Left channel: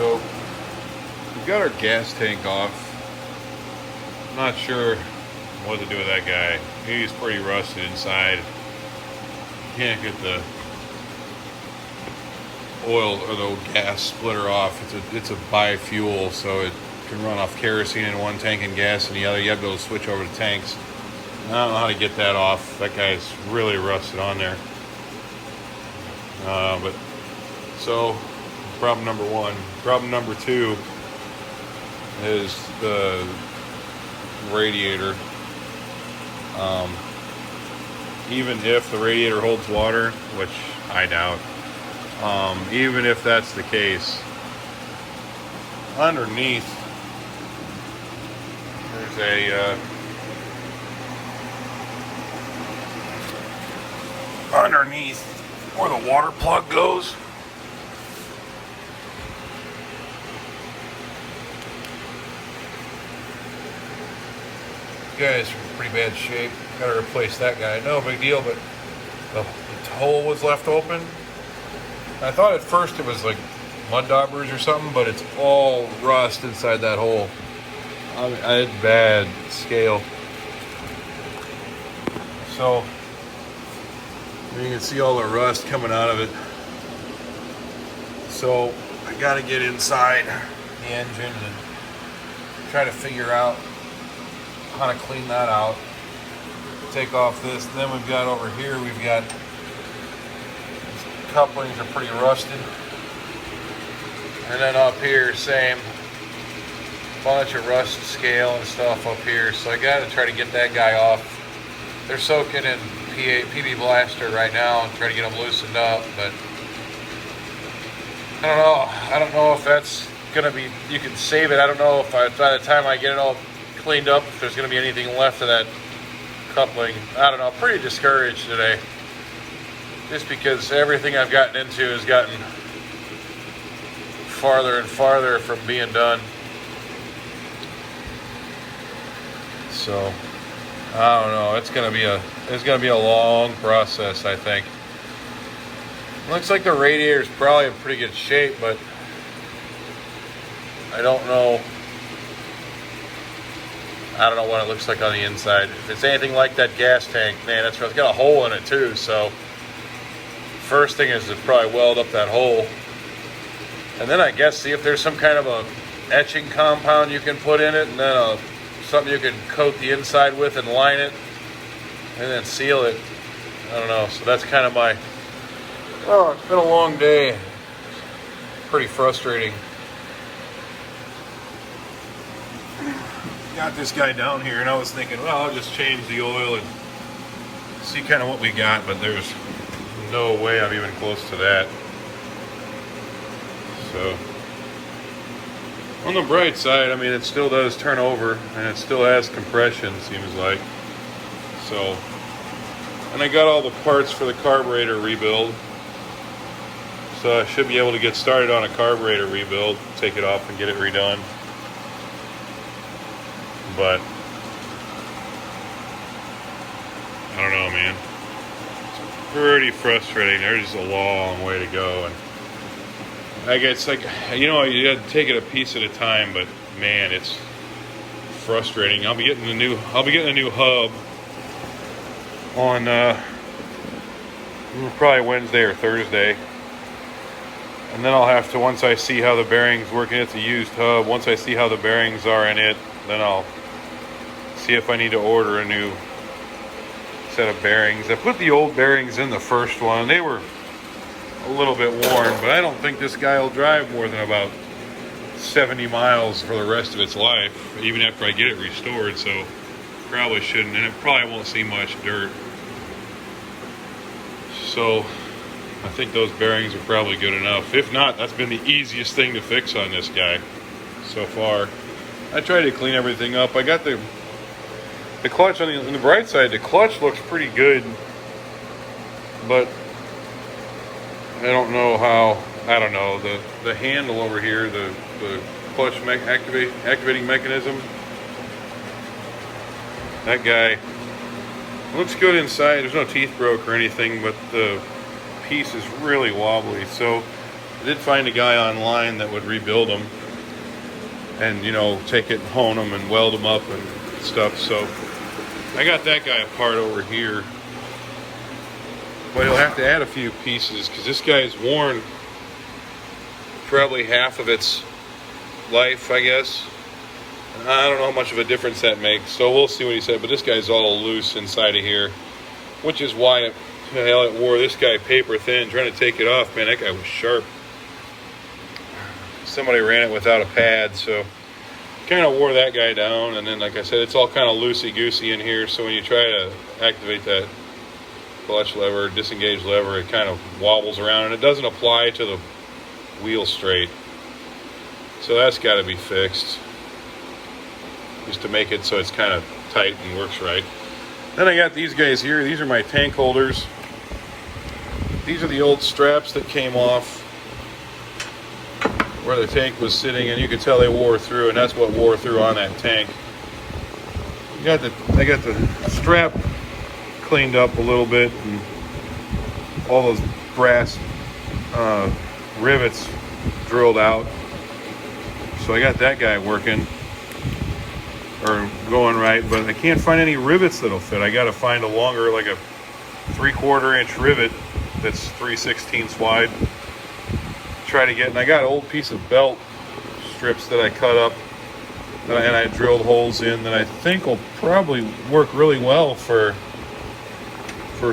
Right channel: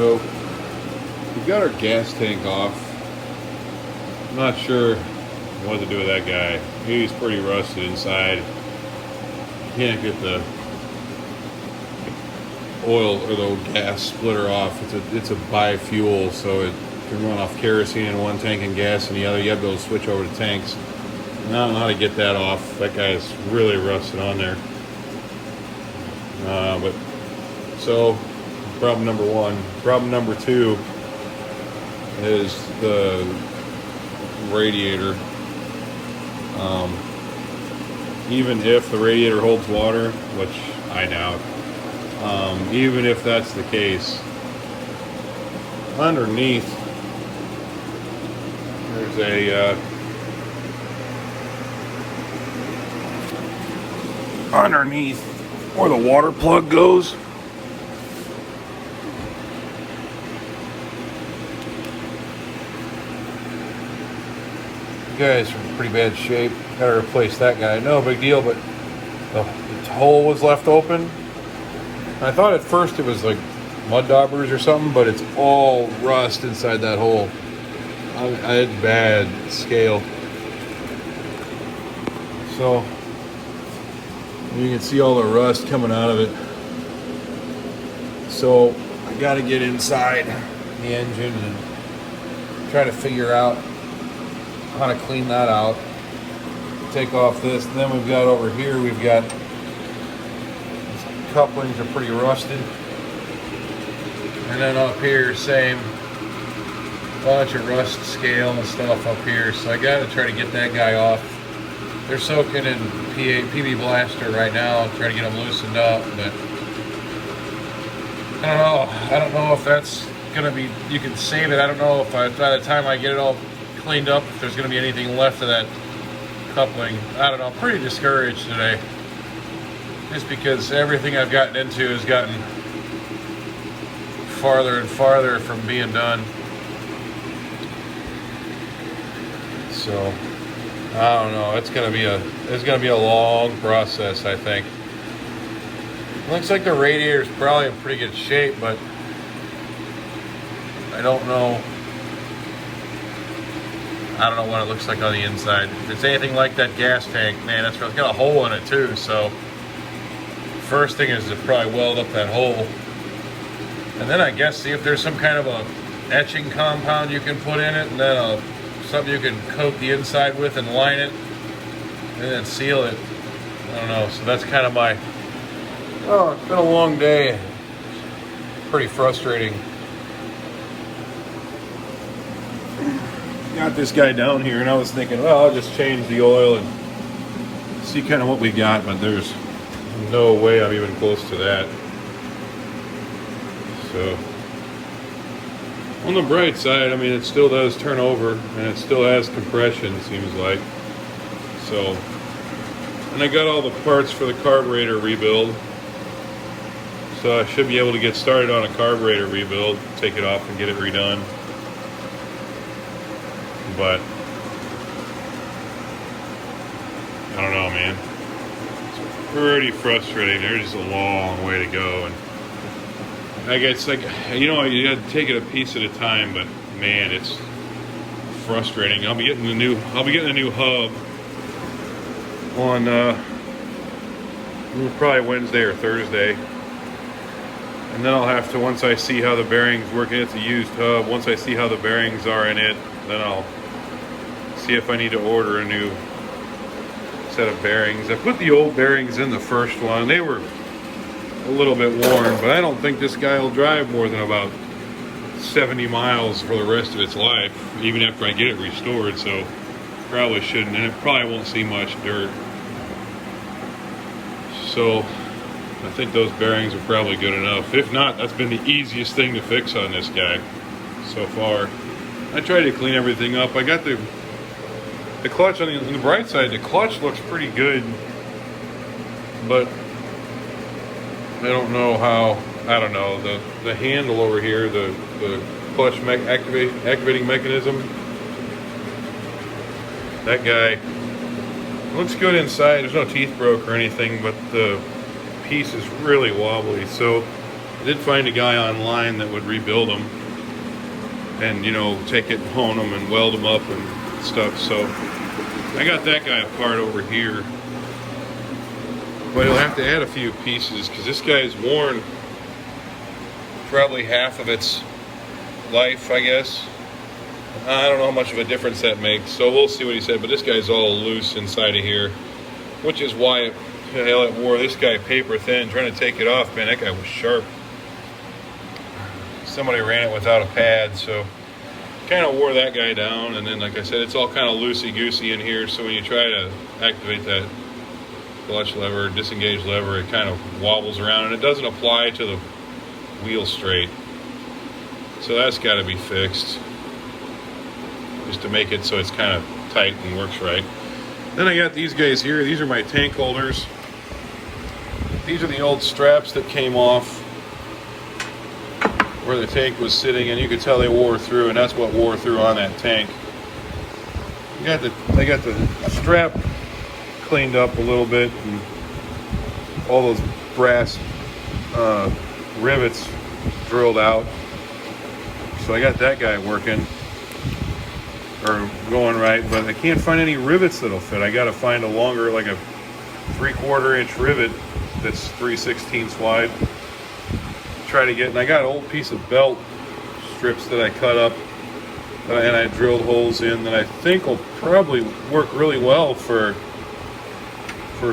So we've got our gas tank off. I'm not sure what to do with that guy. He's pretty rusted inside. You can't get the oil or the gas splitter off. It's a bi-fuel, so it can run off kerosene in one tank and gas in the other. You have to be able to switch over to tanks. And I don't know how to get that off. That guy's really rusted on there. But so problem number one. Problem number two is the radiator. Even if the radiator holds water, which I doubt, even if that's the case, underneath there's a underneath where the water plug goes. Guy's in pretty bad shape. Gotta replace that guy. No big deal, but the hole was left open. I thought at first it was like mud daubers or something, but it's all rust inside that hole. I had bad scale. So you can see all the rust coming out of it. So I gotta get inside the engine and try to figure out how to clean that out. Take off this. Then we've got over here, we've got these couplings are pretty rusted. And then up here, same bunch of rust scale and stuff up here. So I gotta try to get that guy off. They're soaking in PB Blaster right now, trying to get them loosened up, but I don't know if that's gonna be, you can save it. I don't know if by the time I get it all cleaned up, if there's gonna be anything left of that coupling. I don't know, I'm pretty discouraged today. Just because everything I've gotten into has gotten farther and farther from being done. So I don't know. It's gonna be a long process, I think. Looks like the radiator's probably in pretty good shape, but I don't know what it looks like on the inside. If it's anything like that gas tank, man, it's got a hole in it too. So first thing is to probably weld up that hole, and then I guess see if there's some kind of a etching compound you can put in it, and then something you can coat the inside with and line it, and then seal it. I don't know. So that's kind of my. Oh, it's been a long day. Pretty frustrating. Got this guy down here, and I was thinking, well, I'll just change the oil and see kind of what we got, but there's no way I'm even close to that. So on the bright side, I mean, it still does turn over, and it still has compression, seems like. So, and I got all the parts for the carburetor rebuild. So I should be able to get started on a carburetor rebuild, take it off and get it redone. But I don't know, man. It's pretty frustrating. There's a long way to go, and I guess, like, you know, you got to take it a piece at a time. But man, it's frustrating. I'll be getting a new hub on probably Wednesday or Thursday. And then I'll have to, once I see how the bearings work, and it's a used hub, once I see how the bearings are in it, then I'll see if I need to order a new set of bearings. I put the old bearings in the first one. They were a little bit worn, but I don't think this guy will drive more than about 70 miles for the rest of its life, even after I get it restored, so probably shouldn't, and it probably won't see much dirt. So I think those bearings are probably good enough. If not, that's been the easiest thing to fix on this guy so far. I tried to clean everything up. I got the clutch on the bright side. The clutch looks pretty good, but I don't know how. I don't know the handle over here, the clutch activating mechanism. That guy looks good inside. There's no teeth broke or anything, but the piece is really wobbly. So I did find a guy online that would rebuild them and, you know, take it, hone them, and weld them up and stuff. So I got that guy apart over here. But he'll have to add a few pieces because this guy's worn probably half of its life, I guess. I don't know how much of a difference that makes, so we'll see what he said. But this guy's all loose inside of here, which is why it wore this guy paper thin. Trying to take it off, man, that guy was sharp. Somebody ran it without a pad, so kind of wore that guy down. And then, like I said, it's all kind of loosey-goosey in here, so when you try to activate that clutch lever, disengage lever, it kind of wobbles around, and it doesn't apply to the wheel straight. So that's got to be fixed, just to make it so it's kind of tight and works right. Then I got these guys here. These are my tank holders. These are the old straps that came off where the tank was sitting, and you could tell they wore through, and that's what wore through on that tank. They got the strap cleaned up a little bit, and all those brass rivets drilled out. So I got that guy working, or going right, but I can't find any rivets that'll fit. I got to find a longer, like a 3/4 inch rivet that's 3/16 wide. Try to get, and I got an old piece of belt strips that I cut up and I drilled holes in that I think will probably work really well for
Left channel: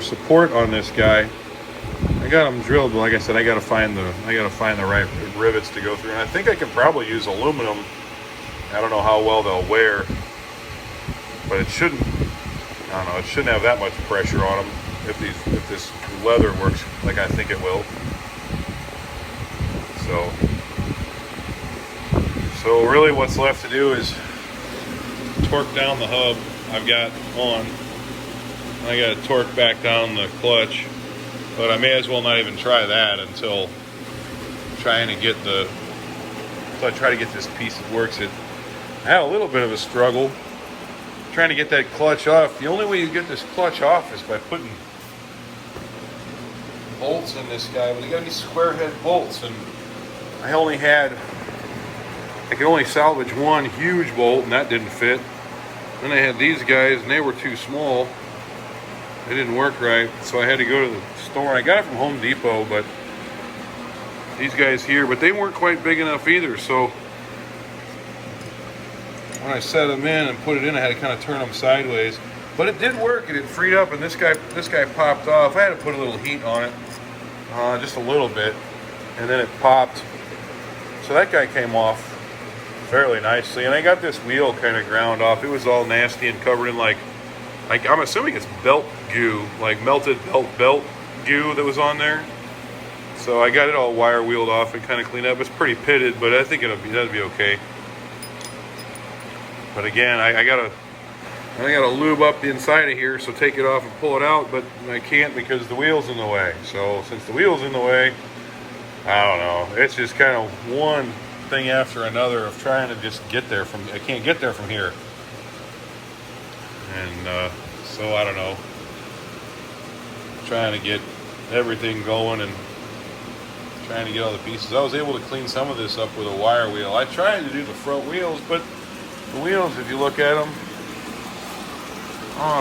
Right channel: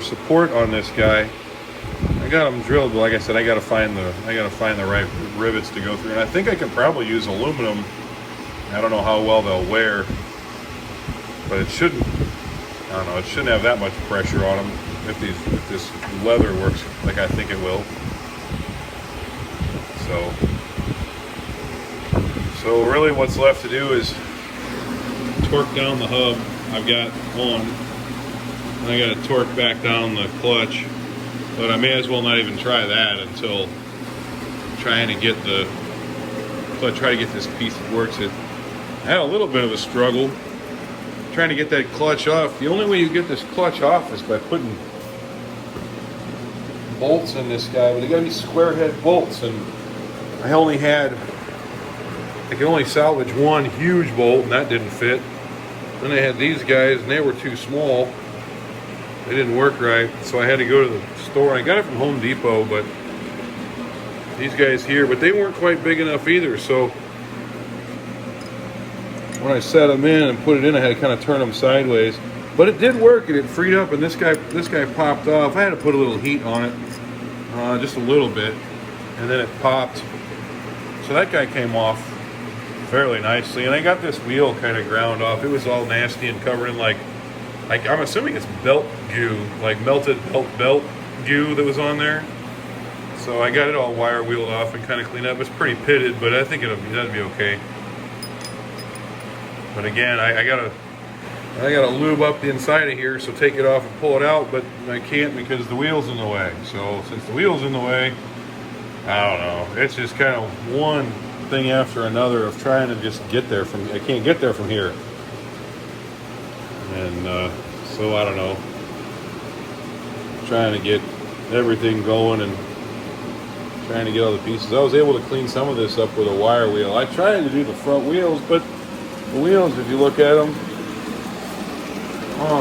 support on this guy. I got them drilled, but like I said, I got to find the right rivets to go through. And I think I could probably use aluminum. I don't know how well they'll wear, but it shouldn't. I don't know. It shouldn't have that much pressure on them if this leather works like I think it will. So really, what's left to do is torque down the hub. I've got one. I got to torque back down the clutch, but I may as well not even try that until trying to get this piece that works it. I had a little bit of a struggle trying to get that clutch off. The only way you get this clutch off is by putting bolts in this guy, but they got to be square head bolts, and I could only salvage one huge bolt, and that didn't fit. Then I had these guys, and they were too small. They didn't work right, so I had to go to the store. I got it from Home Depot, but these guys here, but they weren't quite big enough either. So when I set them in and put it in, I had to kind of turn them sideways. But it did work, and it freed up, and this guy popped off. I had to put a little heat on it, just a little bit, and then it popped. So that guy came off fairly nicely, and I got this wheel kind of ground off. It was all nasty and covered in like I'm assuming it's belt goo, like melted belt goo that was on there. So I got it all wire wheeled off and kind of cleaned up. It's pretty pitted, but I think that'd be okay. But again, I gotta lube up the inside of here, so take it off and pull it out, but I can't because the wheel's in the way. So since the wheel's in the way, I don't know. It's just kind of one thing after another of trying to just get there from. I can't get there from here, and so I don't know. Trying to get everything going and trying to get all the pieces. I was able to clean some of this up with a wire wheel. I tried to do the front wheels, but the wheels, if you look at them,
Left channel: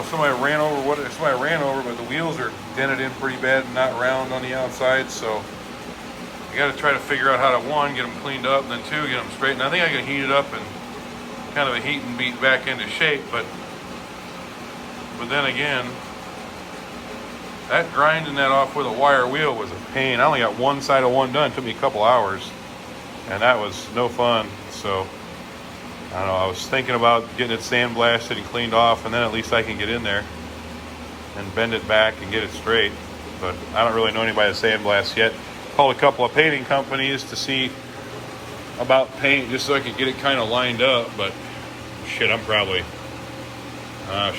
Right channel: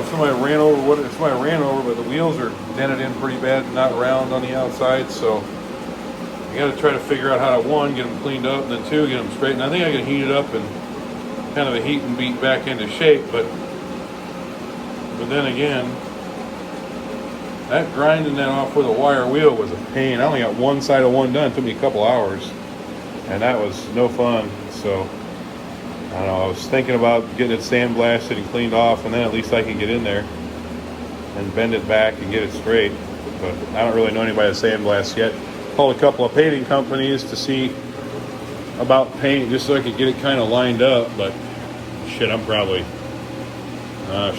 somebody ran over, but the wheels are dented in pretty bad, not round on the outside, so you got to try to figure out how to, one, get them cleaned up, and then two, get them straightened. I think I can heat it up and kind of a heat and beat back into shape, but then again, that grinding that off with a wire wheel was a pain. I only got one side of one done. It took me a couple hours, and that was no fun. So I don't know, I was thinking about getting it sandblasted and cleaned off, and then at least I can get in there and bend it back and get it straight. But I don't really know anybody that sandblasts yet. Called a couple of painting companies to see about paint, just so I could get it kind of lined up. But shit, I'm probably, I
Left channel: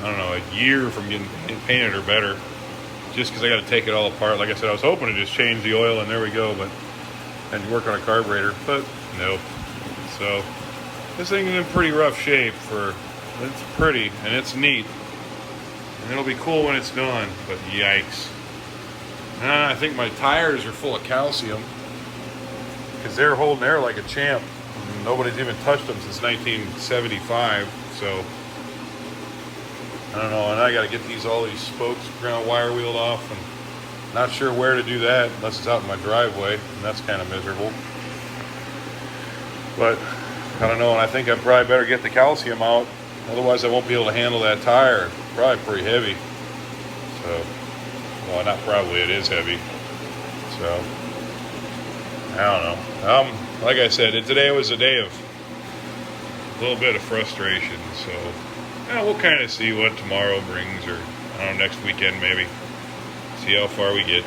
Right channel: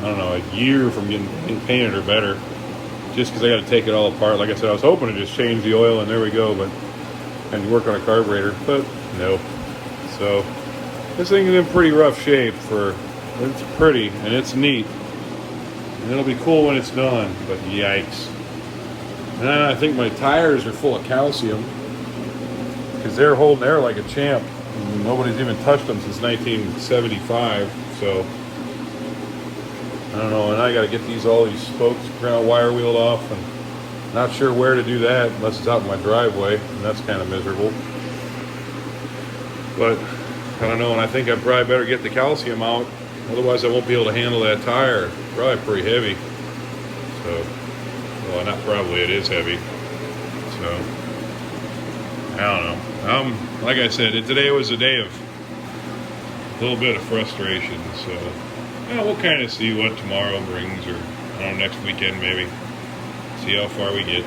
don't know, a year from getting painted or better, just because I got to take it all apart. Like I said, I was hoping to just change the oil and there we go, and work on a carburetor, but no. So this thing is in pretty rough shape. It's pretty and it's neat, and it'll be cool when it's done, but yikes. And I think my tires are full of calcium because they're holding air like a champ. And nobody's even touched them since 1975. So I don't know. And I got to get all these spokes ground wire wheeled off, and not sure where to do that unless it's out in my driveway, and that's kind of miserable. But I don't know, and I think I probably better get the calcium out. Otherwise, I won't be able to handle that tire. It's probably pretty heavy. So, well, not probably, it is heavy. So, I don't know. Like I said, today was a day of a little bit of frustration. So, yeah, we'll kind of see what tomorrow brings, or I don't know, next weekend maybe. See how far we get.